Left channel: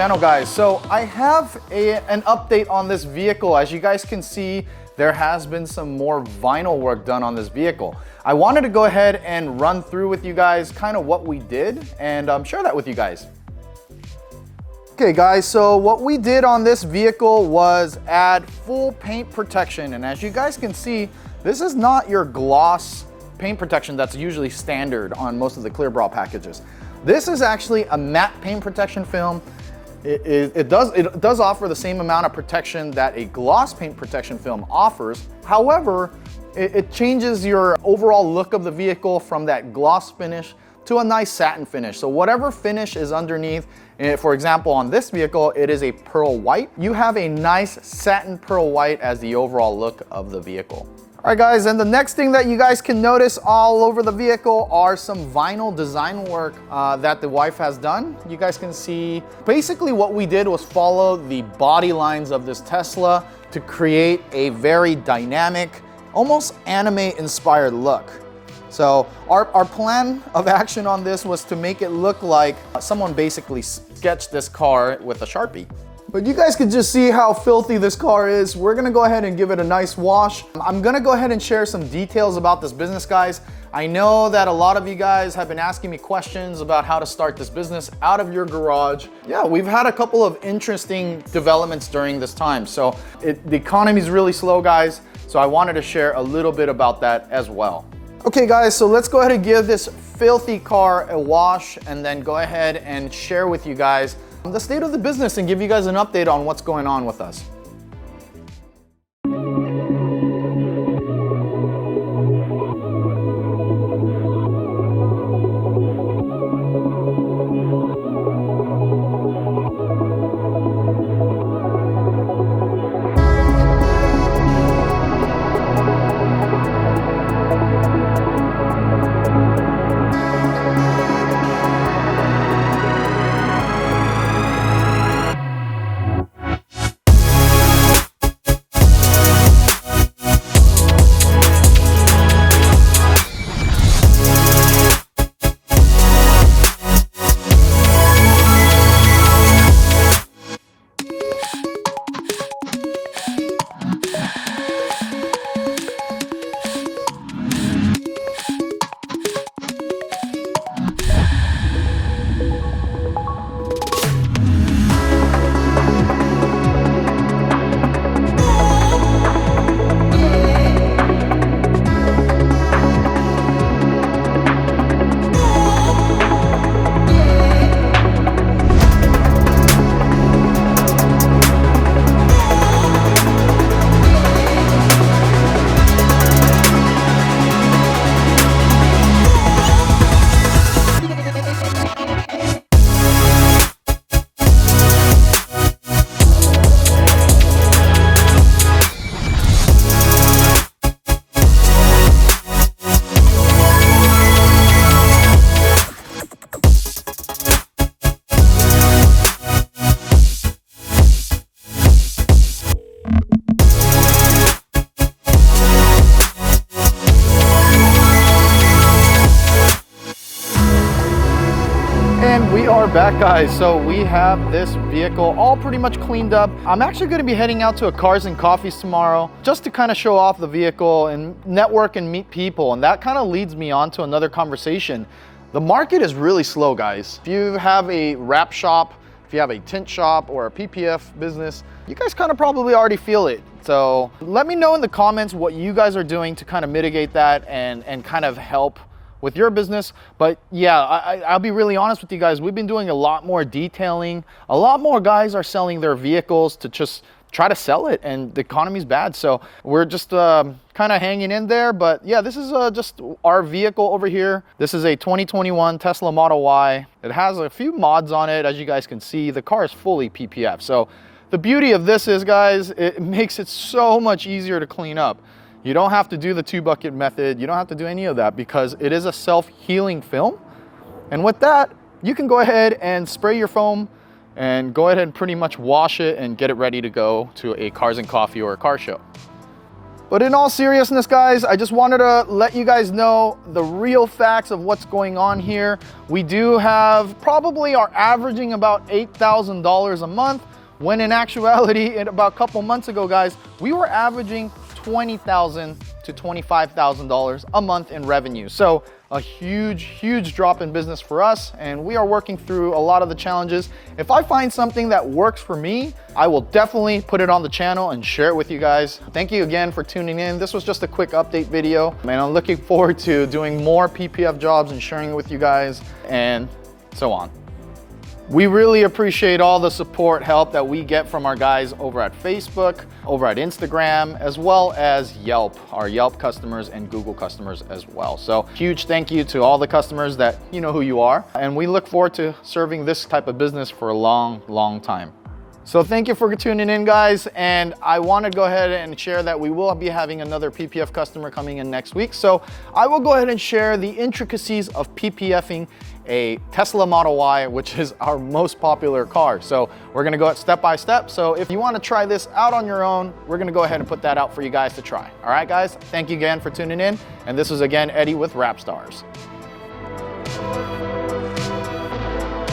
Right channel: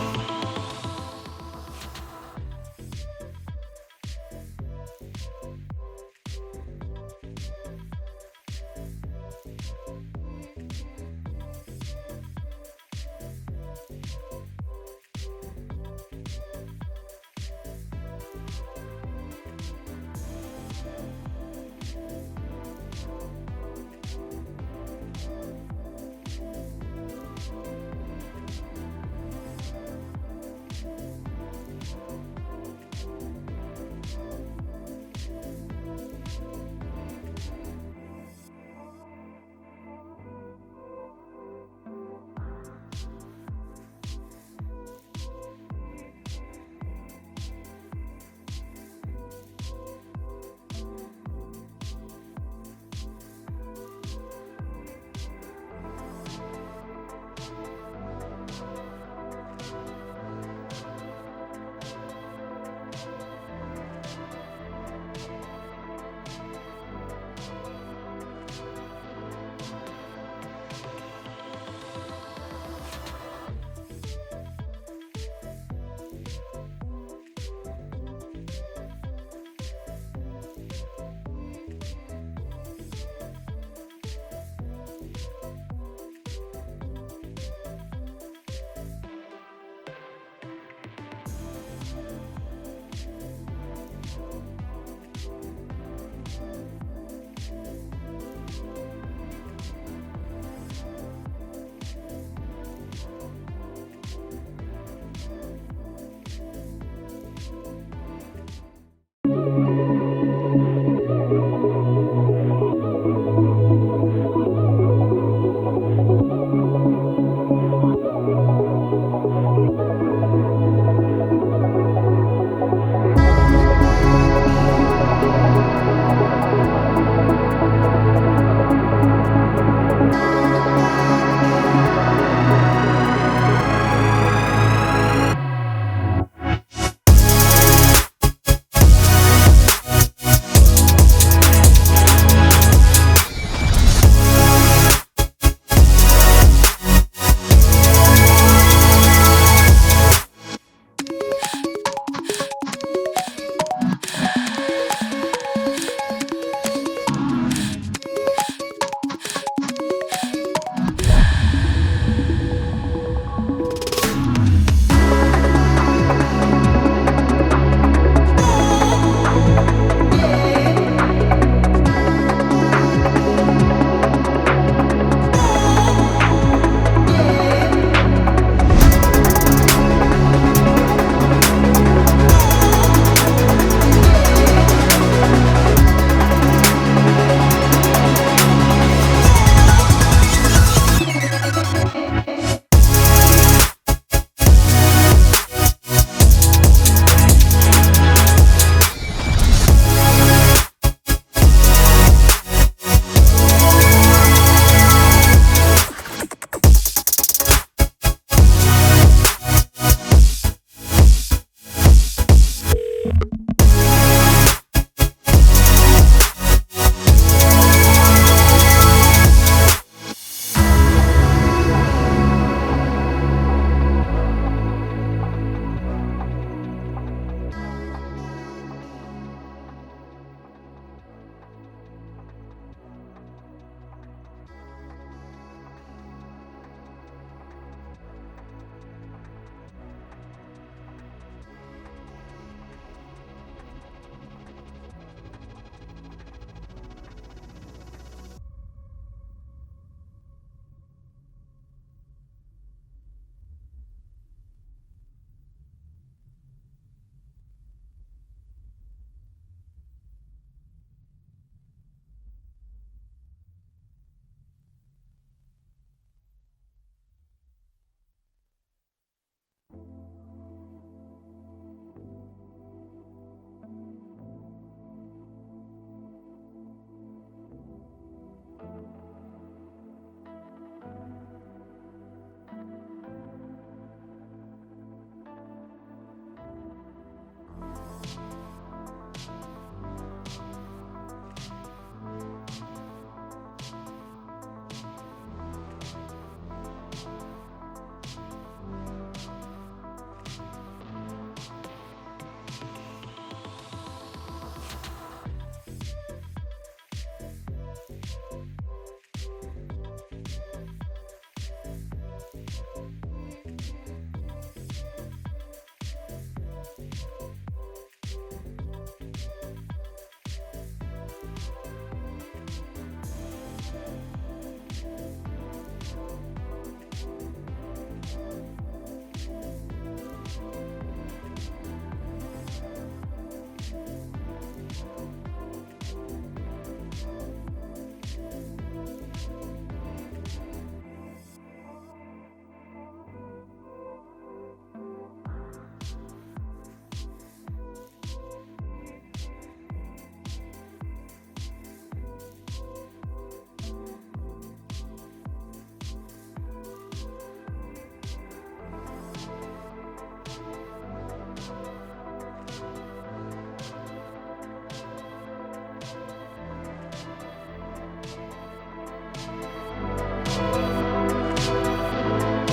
channel, guys. So I have an update on this vehicle. As you guys can see, there has been some more vinyl work done on this vehicle. I wanted to go ahead and run through with you guys kind of what we did and share that with you guys. Okay guys, so what we did on this vehicle was add full paint protection, and as you guys can see, this is not your gloss paint protection that's usually standard on most of the clear bra packages. This is actually a matte paint protection film. It does offer the same amount of protection that a gloss paint protection film offers. However, it changes your overall look of the vehicle from that gloss finish to a nice satin finish. So whatever finish is underneath, for example, on this vehicle, it is a pearl white. You have a nice satin pearl white as the overall look of the vehicle. All right guys, and the next thing that you guys can notice all over the vehicle are some vinyl design work that the wife has done. You guys can see, basically what we did was follow the body lines of this Tesla to create a very dynamic, almost anime inspired look. So our plan of action on this was to make it look like someone basically sketched this car with a Sharpie. But you guys can just see how filthy this car is. We're gonna go ahead and give it a nice wash. I'm gonna go ahead and share some details about this business, guys. I know that a lot of you guys have been asking me questions about how to start this business out of your garage. Yeah, we've had a couple of interesting developments during this time. So the economy is really slow, guys. So I wanted to share a little bit about that as well. Okay guys, so let's go ahead and give this filthy car a wash and then go ahead and share with you guys the state of the business and give you guys an update on what's going on with us. Back guys, so we have this vehicle all pretty much cleaned up. I'm actually going to be heading out to a Cars and Coffees tomorrow just to kind of show off the vehicle and network and meet people, and that kind of leads me on to another conversation. The market is really slow, guys. If you have a wrap shop, if you have a tint shop or a PPF business, you guys kind of probably already feel it. So let me know in the comments what you guys are doing to kind of mitigate that and kind of help with your business. But yeah, I'll be really honest with you guys. We've been doing a lot more detailing. A lot more guys are selling their vehicles to just try to sell it, and the economy's bad. So we're just kind of hanging in there. But yeah, this is just our vehicle over here. This is a 2021 Tesla Model Y. It has a few mods on it. As you guys can see, the car is fully PPF. So the beauty of this is, guys, it makes it so much easier to clean up. You don't have to do the 2-bucket method. You don't have to do any of that because it is a self-healing film. And with that, you can go ahead and spray your foam and go ahead and pretty much wash it and get it ready to go to a Cars and Coffee or a car show. But in all seriousness, guys, I just wanted to let you guys know the real facts of what's going on here. We do have probably are averaging about $8,000 a month, when in actuality, about a couple months ago, guys, we were averaging $20,000 to $25,000 a month in revenue. So a huge drop in business for us, and we are working through a lot of the challenges. If I find something that works for me, I will definitely put it on the channel and share it with you guys. Thank you again for tuning in. This was just a quick update video, and I'm looking forward to doing more PPF jobs and sharing it with you guys and so on. We really appreciate all the support, help that we get from our guys over at Facebook, over at Instagram, as well as Yelp, our Yelp customers and Google customers as well. So huge thank you to all the customers that you know who you are. And we look forward to serving this type of business for a long time. So thank you for tuning in, guys, and I want to go ahead and share that we will be having another PPF customer coming in next week. So I will go ahead and share the intricacies of PPFing a Tesla Model Y, which is our most popular car. So we're going to go step by step. So if you want to try this out on your own, we're going to go ahead and put that out for you guys to try. All right, guys, thank you again for tuning in. And this is again Eddie with Rap Stars.